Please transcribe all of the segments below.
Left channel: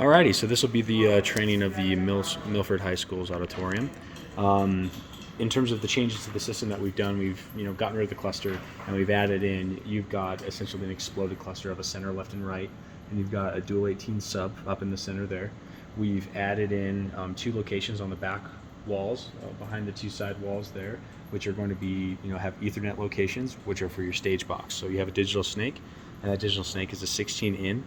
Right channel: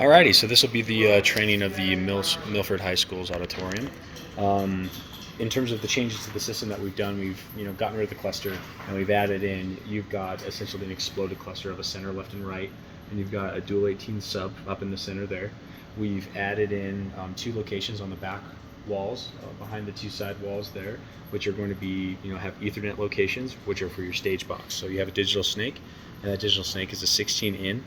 Alrighty, so this will be the training of the Milford High School's auditorium. In terms of the changes to the system that we've done, we've gotten rid of the cluster and we've added in. You've got essentially an exploded cluster of a center, left, and right, and you've got a dual 18 sub up in the center there. We've added in 2 locations on the back walls behind the 2 side walls there, which are going to be have Ethernet locations, which are for your stage box. So you have a digital snake, and that digital snake is a 16 in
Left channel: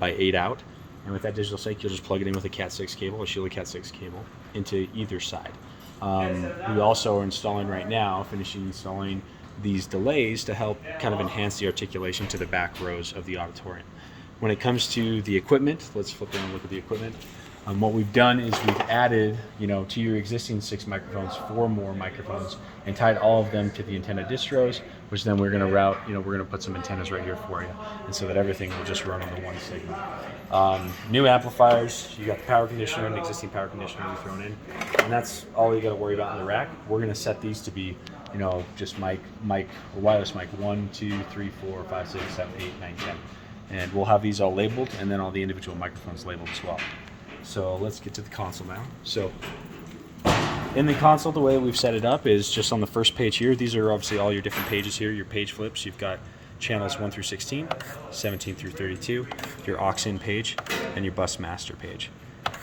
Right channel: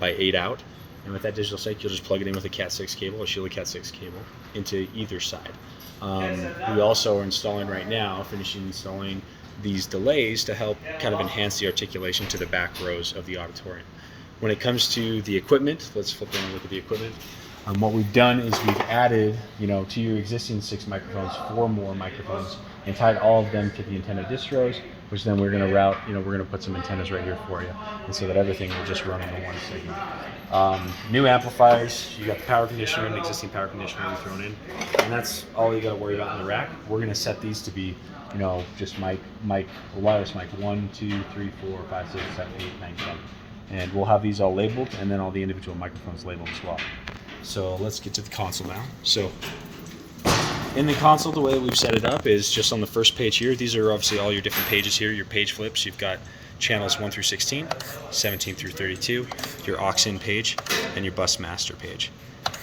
by 8 out. And with that digital snake, you'll just plug it in with a Cat6 cable, a Sheila Cat6 cable, into either side. We also are installing right now, finishing installing these delays to help kind of enhance the articulation to the back rows of the auditorium. When it comes to the equipment, let's flip over and look at the equipment. What we've done is we've added, to your existing 6 microphones, 4 more microphones, and tied all of them to the antenna distros, which then we're going to route, we're going to put some antennas right here for you, and so that everything will just run on the one segment. New amplifiers, you got the power conditioner and the existing power conditioner we've thrown in, and that's all you got to worry about in the rack. We're going to set these to be, just wireless mic 1, 2, 3, 4, 5, 6, 7, 8, 9, 10. And we'll have these all labeled, and then all the individual microphones labeled as well. So let's get to the console now. So in the console, the way we've set it up is just on the first page here. These are obviously all your different pages here, your page flips. You've got channels 1 through 16, 17 through 32, your aux-in page, and your bus master page.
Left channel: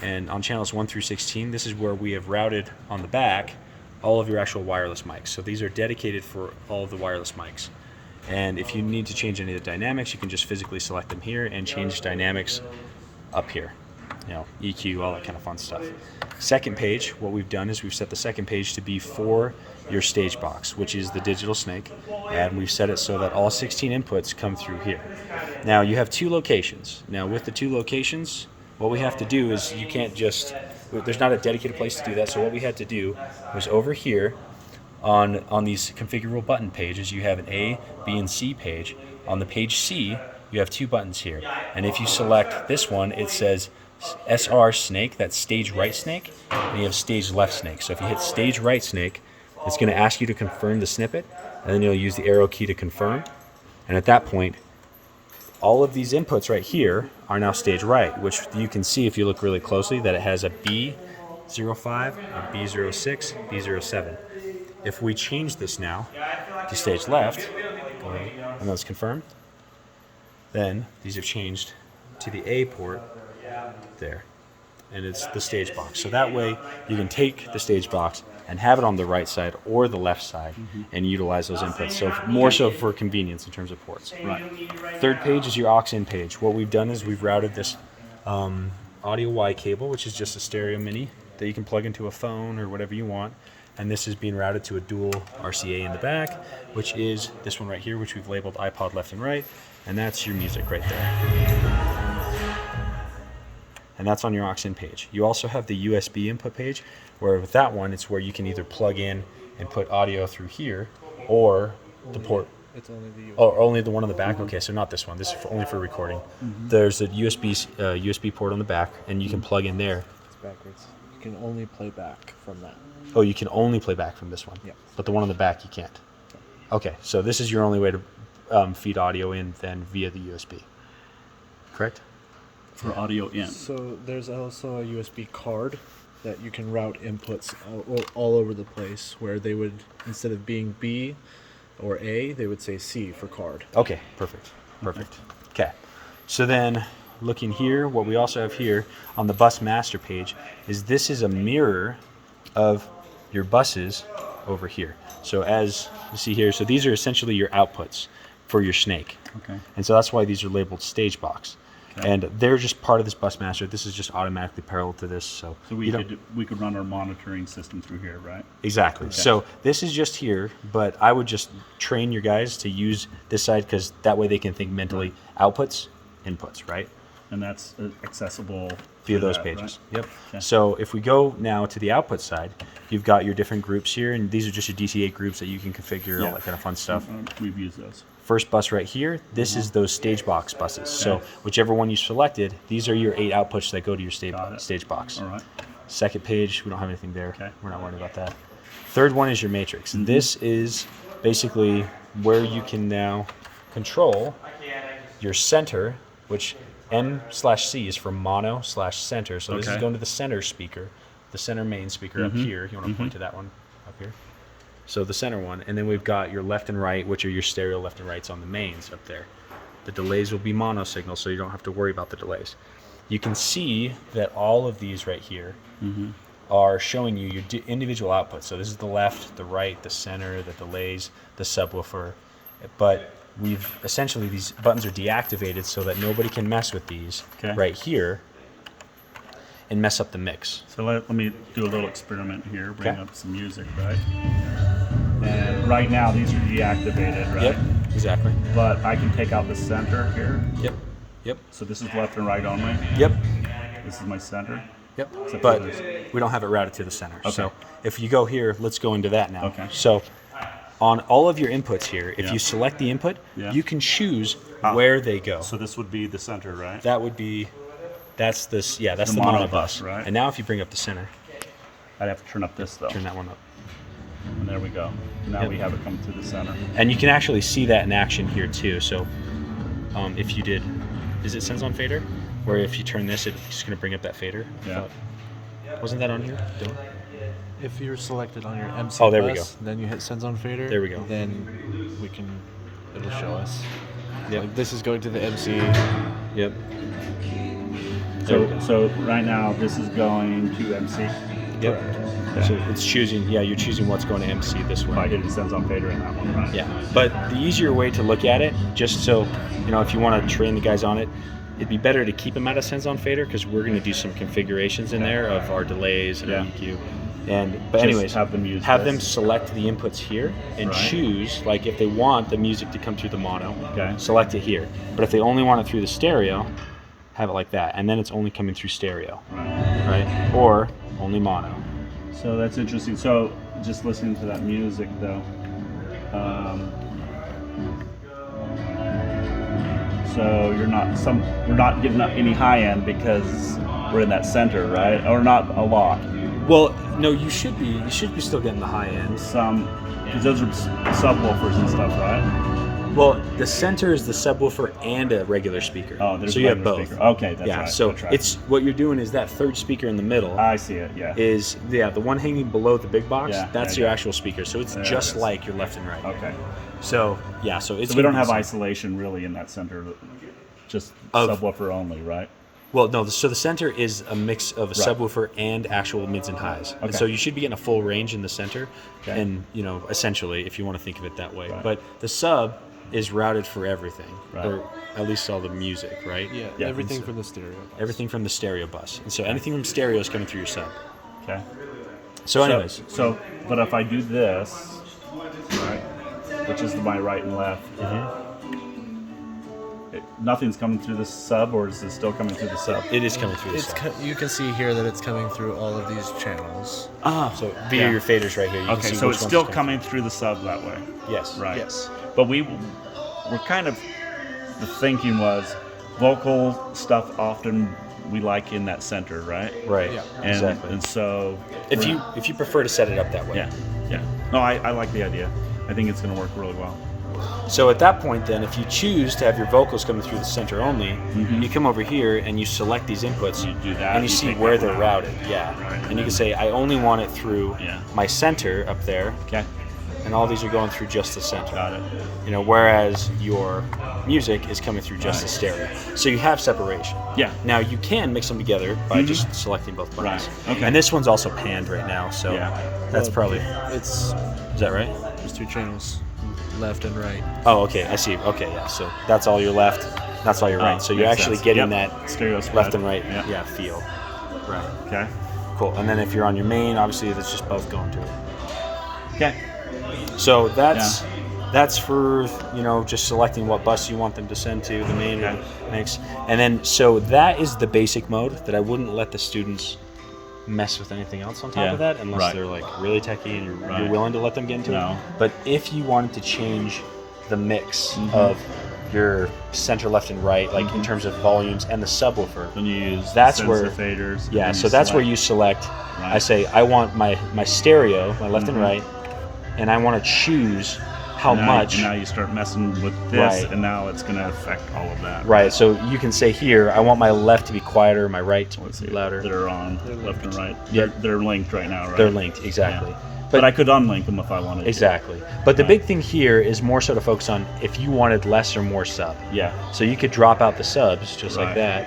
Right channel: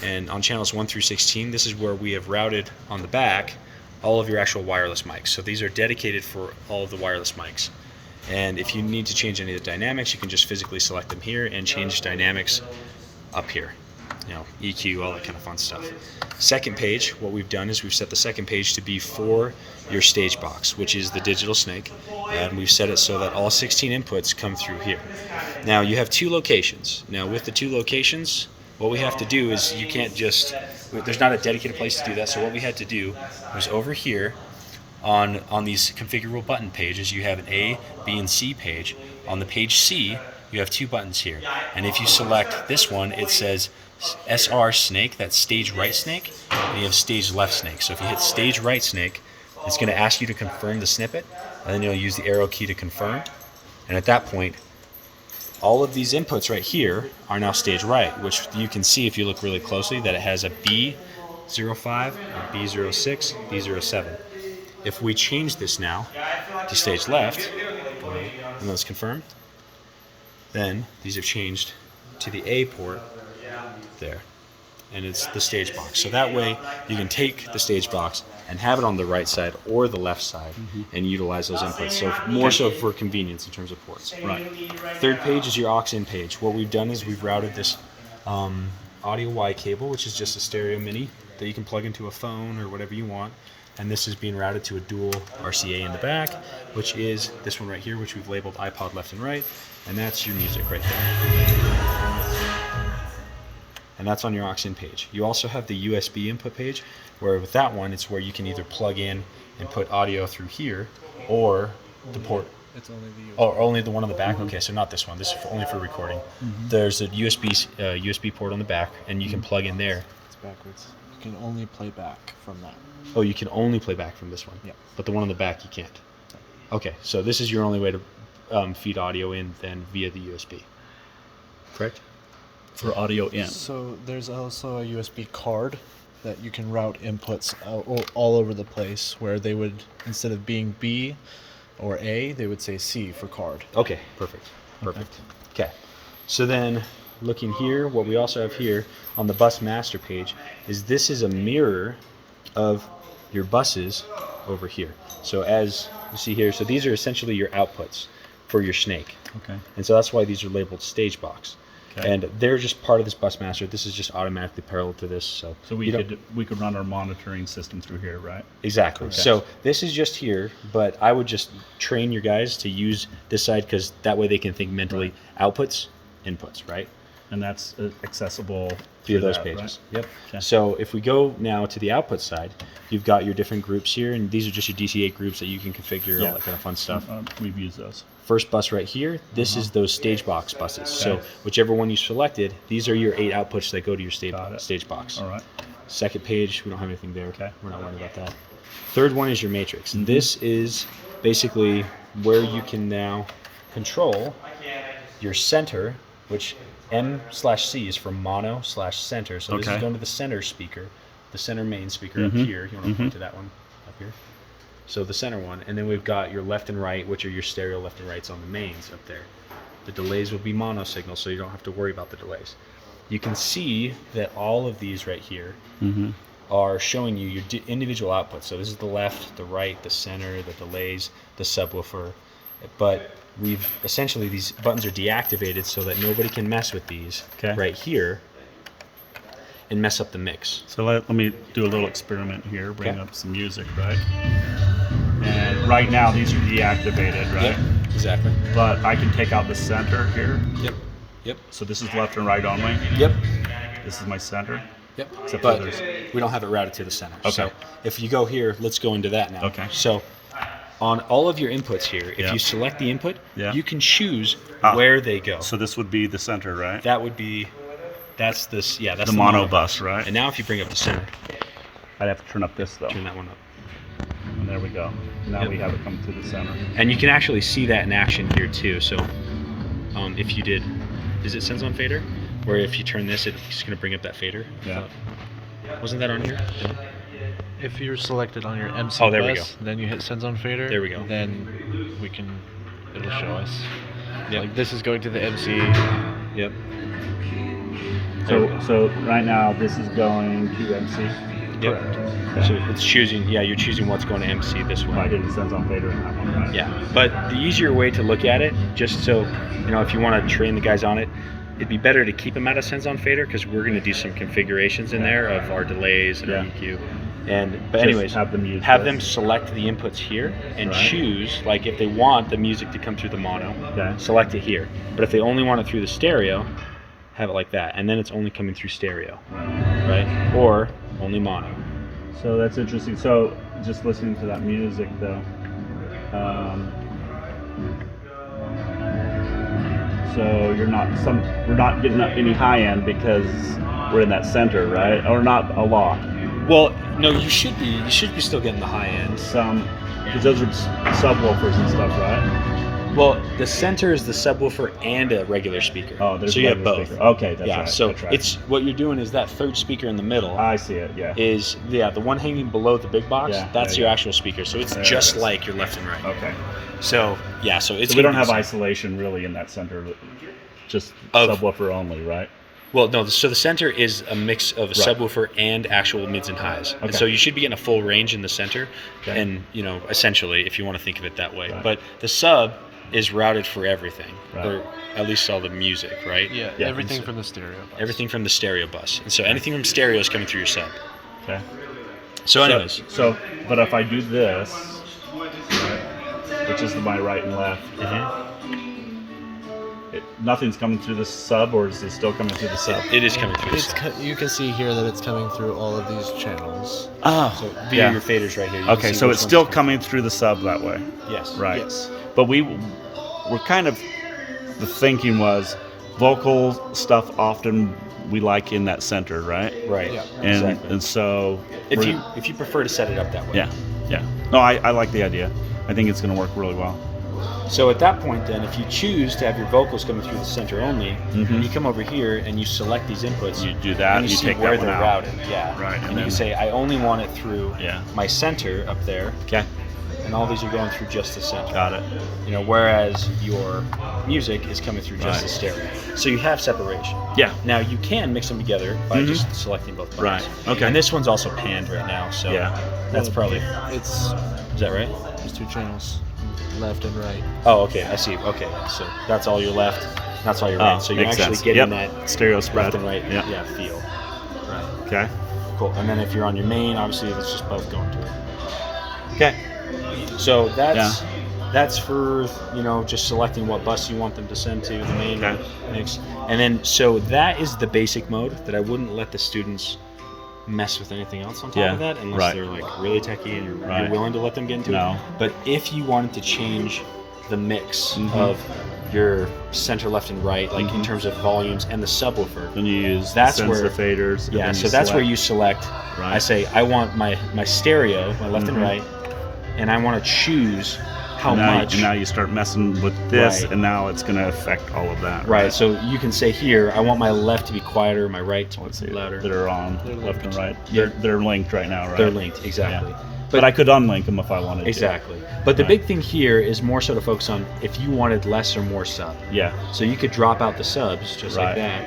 And on channels 1 through 16, this is where we have routed on the back all of your actual wireless mics. So these are dedicated for all of the wireless mics. And if you need to change any of the dynamics, you can just physically select them here and change dynamics up here. EQ, all that kind of fun stuff. Second page, what we've done is we've set the second page to be for your stage box, which is the digital snake, and we've set it so that all 16 inputs come through here. Now you have 2 locations. Now with the 2 locations, what we have to do is you can't just, there's not a dedicated place to do that, so what we had to do was over here on these configurable button pages, you have an A, B, and C page. On the page C, you have 2 buttons here, and if you select this one, it says SR snake, that's stage right snake, and you have stage left snake. So if you hit stage right snake, it's going to ask you to confirm the snippet, and then you'll use the arrow key to confirm. And at that point, all of these inputs right here are now stage right, which you can see if you look really closely that it has a B05, a B06, B07. If we change this now to stage left, and let's confirm, then these have changed to the A port there, and it's the stage box. So that way you can take the stage box and have it on the right side or the left side and utilize those inputs. So more so for convenience in terms of ports. Right. Third page is your aux-in page. What we've done is we've routed this audio Y cable, which is just a stereo mini that you can plug into a phone or whatever you want. And this is being routed to a dual RCA in the back, which is this one right here, which we've labeled iPod left and right, and that's your music right there. And that's on your aux-in page. You also have the USB input page, where with that one, it's where you can either plug in and put audio through here, or the port. It's only the USB. Oh, only the one on the back? Okay, so not this one. This is only for recording. There's a USB port on the back, and you can plug in there. It's backwards. You can only play back from that. Oh, you can only play back from this one? Yeah. But the one on the back, you can't? Okay, so this is your only way to feed audio in then via the USB. Correct? For audio in. So there's also a USB card that you can route inputs all over the place, where they would, instead of being B or A, they would say C for card. Okay, perfect. Okay. So then looking here, what we also have here on the bus master page is this is a mirror of your buses over here. So as you see here, so these are essentially your outputs for your snake. Okay. And so that's why these are labeled stage box. Okay. And they're just part of this bus master. This is just automatically parallel to this. So we could run our monitoring system through here, right? Exactly. Okay. So this is just here, but I would just train your guys to use this side, because that way they can think mentally outputs, inputs, right? And that's accessible Through those that, pages. Right? Yep. Okay. So if we go now to the output side, you've got your different groups here, and these are just your DC8 groups that you can configure, all that kind of fun stuff. We've used those. First bus right here, this is those stage box buses. So whichever one you selected, these are your 8 outputs that go to your stage box. All right. Second page, we don't have anything there. Okay. We're not worried about that. Third one is your matrix. And this is basically where you can now control your center which M/C is for mono/center. So this is Okay. going to the center speaker, the center main speaker up here. You want to point to that one up here. So the center one, and then we've got your left and right, which are your stereo left and rights on the mains up there. The delays will be mono signals, so you don't have to worry about the delays. You can see that all of these right here are showing you your individual outputs. So this is the left, the right, the center, the delays, the subwoofer. But we've essentially, these buttons are deactivated so that nobody can mess with these right here and mess up the mix. So let me do a little experiment here, bring up some music, right? And right now these are deactivated, right? Yep, exactly. But I can take out the center here. Yep, yep, So this is left and right only. yep, This is my center. yep. Except But for there's- we don't have it routed to the center. Okay. So if you go here, let's go into that now. Okay. So on all of your inputs here, if Yeah. you select the input, Yeah. you can choose where they go. So this would be the center, right? That would be, that's this, yeah, that's The the mono mono bus, right? And now if you bring up the center, I'd have to turn up this though. turn that one up. And there we go. Now we have it come through the center. And you can actually see that in action here too. So if you did, is it Sends on Fader? Where if you turn this, it's just going to bring up that fader? Yeah. Wasn't that on here? Yeah. If you're selected on your MC Oh, there we bus, then you hit Sends on Fader. There we go. Then it'll show us. Yep. Like this is going to the MC. Yep. So right now this is going to MC. Yep. Yeah. So it's choosing, you're choosing what's going to MC this If I one. did it sends on fader in that one, right? Yeah. But the easier way to look at it, just so, if you want to train the guys on it, it'd be better to keep them at a Sends on Fader because we're going to do some configurations in there of our delays and EQ. But Just anyways, have them use have this. them select the inputs here and Right. choose, like if they want the music to come through the mono, Okay. select it here. But if they only want it through the stereo, have it like that. And then it's only coming through stereo, right? Or only mono. So that's interesting. So just listening to that music though. So we're not getting up any high end because we're in that center, right? Or not a lot. Well, no, you should be. You should be still getting the high end. Some, because those are subwoofers and stuff, right? Well, the center is the subwoofer and a regular speaker. Oh, there's so a you have regular both. speaker. Okay, that's yeah, right. so that's right. it's what you're doing is that third speaker in the middle I see it. Yeah. is the one hanging below the big box. Yeah, That's yeah, your yeah. actual speaker. So it's There just it is. like your left and right. Okay. So it's So we gonna don't be have the same. isolation really in that center, just Of- subwoofer only, right? Well, no. So the center is a mix of a Right. subwoofer and actual mids and highs. And Okay. so you should be getting a full range in the center, Okay. and essentially, if you want to think of it that way. Right. But the sub is routed for everything, Right. or at least all the music, right? Yeah, Yeah, everything MC. from the stereo bus. Everything from the stereo bus, and so anything from stereo is coming through your sub. Okay. So, anyways, But if I do this, right, which is my right and left, nothing's coming through the sub, or is it still coming through the sub? it is coming through the It's sub. you can see here that it's coming through all of these channels. Oh, So via your faders right here. You can Okay, see so which it's ones still are coming through the sub that way, Yes. right? Yes. But we're kind of, the thinking was vocal stuff often we like in that center, right? Right. Yeah. And Exactly. and so If we're- you prefer to set it up that way. yeah. No, I like the idea. I think it's going to work really well. So at that point, then, if you choose to have your vocals coming through the center only, you come over here and you select these inputs. You do that, and you you see take where that one they're out. routed. Yeah. Right, And and you then- can say, I only want it through Yeah. my center up there, Okay, and all these are going through just the center. got it. Whereas your music is coming through just Right. the stereo. So you have separation. Yeah. Now you can mix them together by just selecting both buttons. Right, okay. And this one's also panned right now, so Yeah. that's Well, probably. It's Is that right? there's two channels, left and right. Oh, okay. I see. Okay, yeah. So that's all your left. That's all your right. So you're makes actually sense. getting Yep. that Stereo spread. left and right. Yeah. Yeah. Feel. Right. Okay. Cool. And then if you're on your main, obviously that's just both going to it. Okay. So that's for just selecting what bus you want them to send to the main Okay. mix, and then so that is the basic mode that I wouldn't let the students mess with anything else on top Yeah. of that unless Right. they're like really techie and you're Right. willing to let them get into No. it. But if you wanted to change the mix Mm-hmm. of your center left and right, like in terms of volumes and the subwoofer, Then you use That's the where- sensor faders. and yeah, then so that's where you select. Right. I say I want my stereo, my left Mm-hmm. and right, and I want to choose how much. And now you start messing with this, Right. and now it's going to affect all of that. Right, so you can say here, I want my left to be quieter, my right to Let's be see, louder. they're on They're left and linked. right. Yep. They're linked right now, right? They're linked, exactly. Yeah. But I could unlink them if I wanted Exactly. But the Right. big thing here is more so to focus on if you wanted less or more sub. to. Yeah. So you could drop out the subs just like Right. that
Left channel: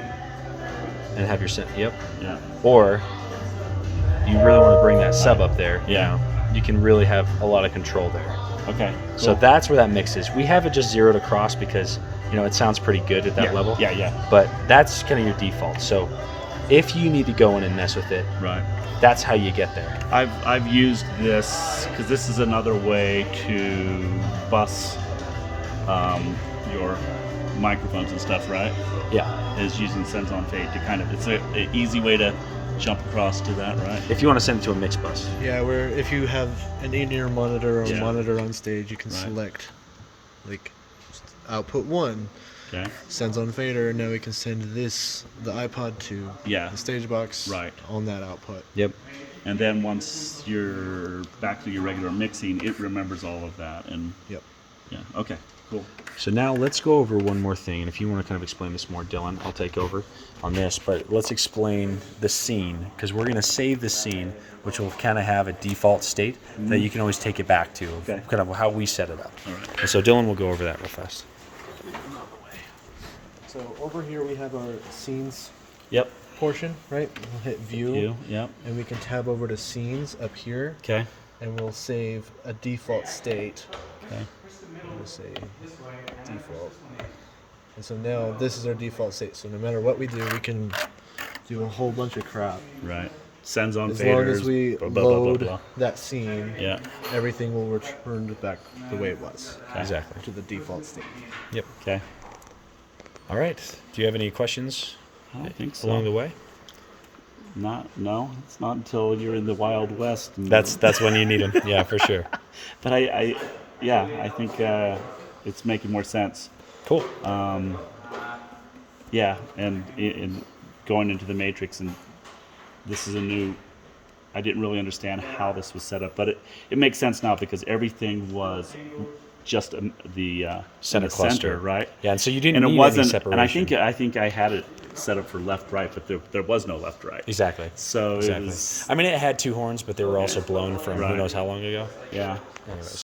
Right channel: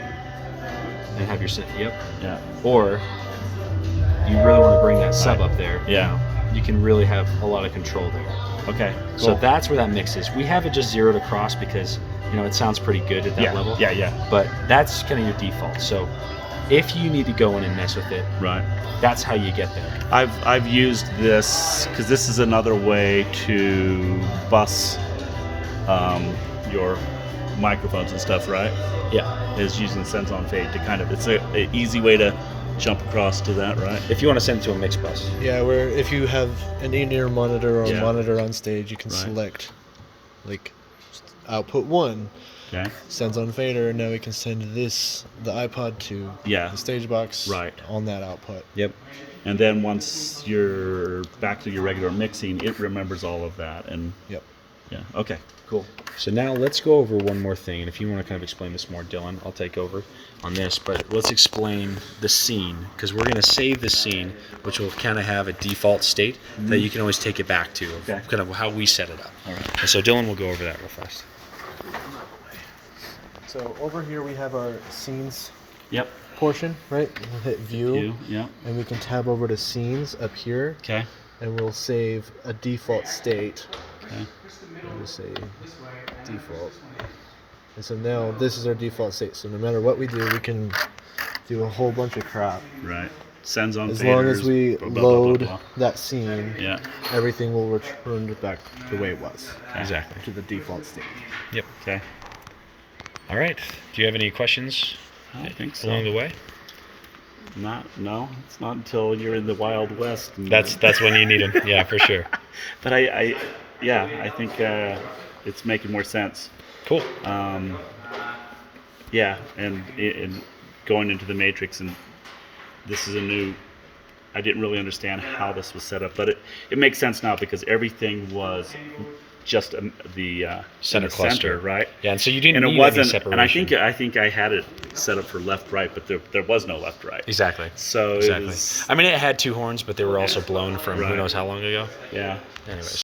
and have your yep. Yeah. Or you really want to bring that sub up there. Yeah. You can really have a lot of control there. Okay. So cool. that's where that mix is. We have it just zeroed across because it sounds pretty good at that yeah. level. Yeah. But that's kind of your default. So if you need to go in and mess with it, Right. that's how you get there. I've used this because this is another way to bus your microphones and stuff, right? Yeah. Is using Sends on Fade to kind of, it's an easy way to jump across to that, right? If you want to send it to a mix bus. Yeah, where if you have an in-ear monitor or Yeah. a monitor on stage, you can Right. select like output 1 Okay. sends on fader, and now we can send the iPod to Yeah. the stage box Right. on that output. Yep. And then once you're back to your regular mixing, it remembers all of that. And Yep. yeah, okay, cool. So now let's go over one more thing, and if you want to kind of explain this more, Dylan, I'll take over on this, but let's explain the scene, because we're going to save the scene, which will kind of have a default state that you can always take it back to, Okay. kind of how we set it up. All right. And so Dylan will go over that real fast. So over here we have our scenes Yep. portion, right? We'll hit view, Yeah. and we can tab over to scenes up here, Okay. and we'll save a default state. Okay. We'll say default. And so now this is our default state. So no matter what we do, we can do a whole bunch of crap. Right. Sends on As long as faders, we blah, blah, blah, load blah, blah. that scene, Yeah. everything will return back the way it was, Exactly. to the default state. Yep. Okay. All right. Do you have any questions I don't think so. along the way? No, it's not until you're in the Wild West. And That's when you need them. Yeah, for sure. But I think it's making more sense. Cool. Yeah, and in going into the Matrix, and this is a new. I didn't really understand how this was set up, but it makes sense now because everything was just the Center in the cluster, right? Yeah, and so you didn't And it need any wasn't. separation. And I think I had it set up for left right, but there was no left right. Exactly. So Exactly. it was, I mean, it had two horns, but they were also blown from who Right. knows how long ago. yeah. Anyways.